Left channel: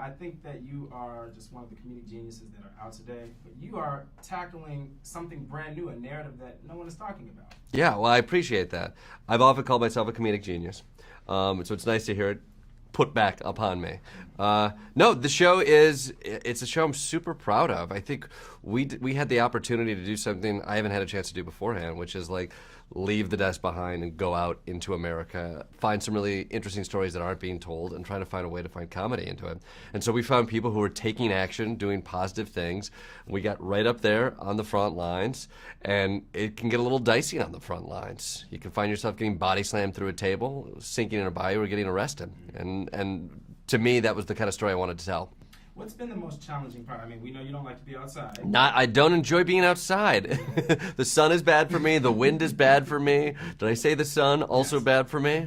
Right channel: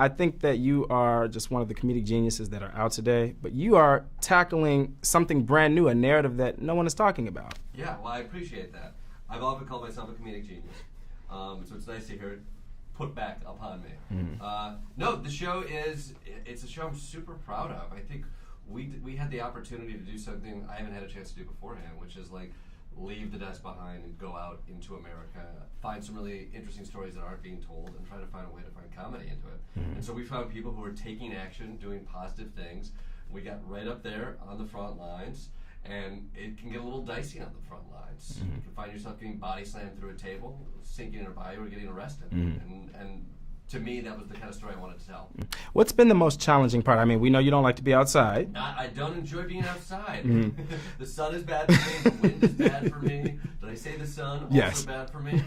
I think that you are just one of the comedic geniuses that are out today, but you are tackling something brand new, a narrative that no one is talking about. Yeah, well, I appreciate that. I've often called myself a comedic genius, so it's nice to hear it put back upon me. No, the show it's a show I'm super proud of. I think we had the opportunity to do something I haven't had a chance to do beforehand, which is like leave the desk behind and go out into America, find some really interesting stories that aren't being told, and trying to find a way to find comedy into it. And so we found people who were taking action, doing positive things. We got right up there on the front lines, and it can get a little dicey on the front lines. You can find yourself getting body slammed through a table, sinking in a bayou, or getting arrested. And to me, that was the kind of story I wanted to tell. What's been the most challenging part? I mean, we know you don't like to be outside. I don't enjoy being outside. The sun is bad for me. The wind is bad for me. Did I say the sun also Yes. bad for me?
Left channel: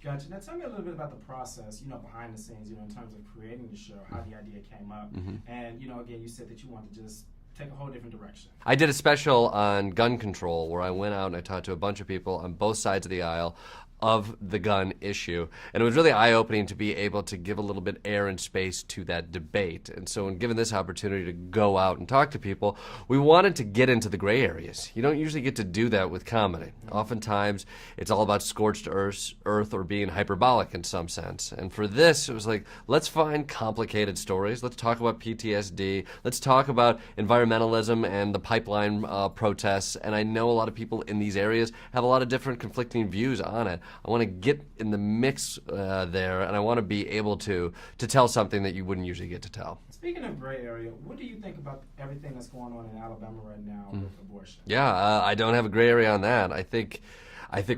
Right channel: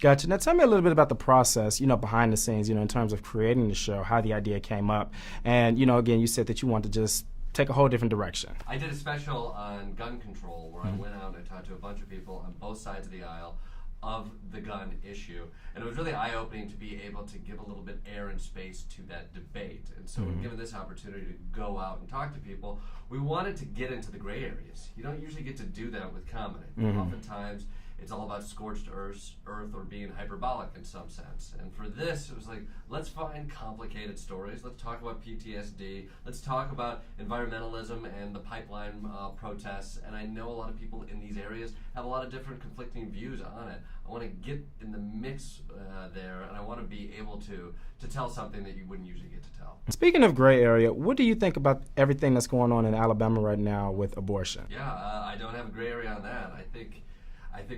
Gotcha. Now tell me a little bit about the process, behind the scenes, in terms of creating the show, how the idea came up. And, again, you said that you want to just take a whole different direction. I did a special on gun control where I went out and I talked to a bunch of people on both sides of the aisle of the gun issue. And it was really eye-opening to be able to give a little bit air and space to that debate. And so when given this opportunity to go out and talk to people, we wanted to get into the gray areas. You don't usually get to do that with comedy. Oftentimes, it's all about scorched earth or being hyperbolic in some sense. And for this, it was like, let's find complicated stories. Let's talk about PTSD. Let's talk about environmentalism and the pipeline protests. And I know a lot of people in these areas have a lot of different conflicting views on it. I want to get in the mix there, and I want to be able to tell something that you wouldn't usually get to tell. Speaking of gray area, what do you think about everything that's going on in Alabama right now with abortion? Yeah, I don't have a gray area on that. I think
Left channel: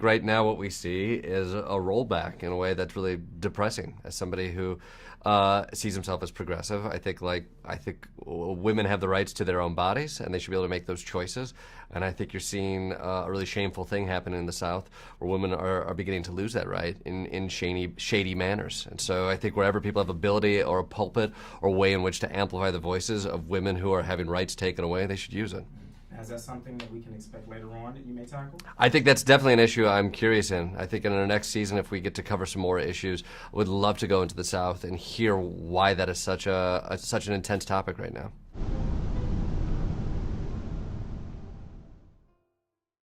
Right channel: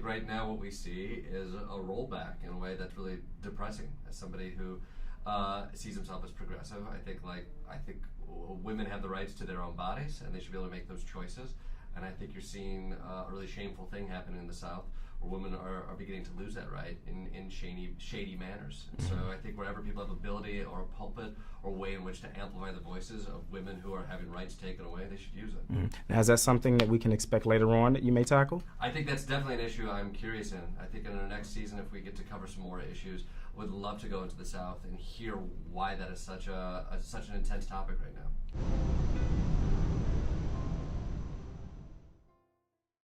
right now what we see is a rollback in a way that's really depressing. As somebody who sees himself as progressive, I think women have the rights to their own bodies, and they should be able to make those choices. And I think you're seeing a really shameful thing happen in the South, where women are beginning to lose that right in shady manners. And so I think wherever people have ability or a pulpit or a way in which to amplify the voices of women who are having rights taken away, they should use it. Now, is that something that we can expect later on that you may tackle? I think that's definitely an issue I'm curious in. I think in our next season, if we get to cover some more issues, I would love to go into the South and hear why that is such an intense topic right now.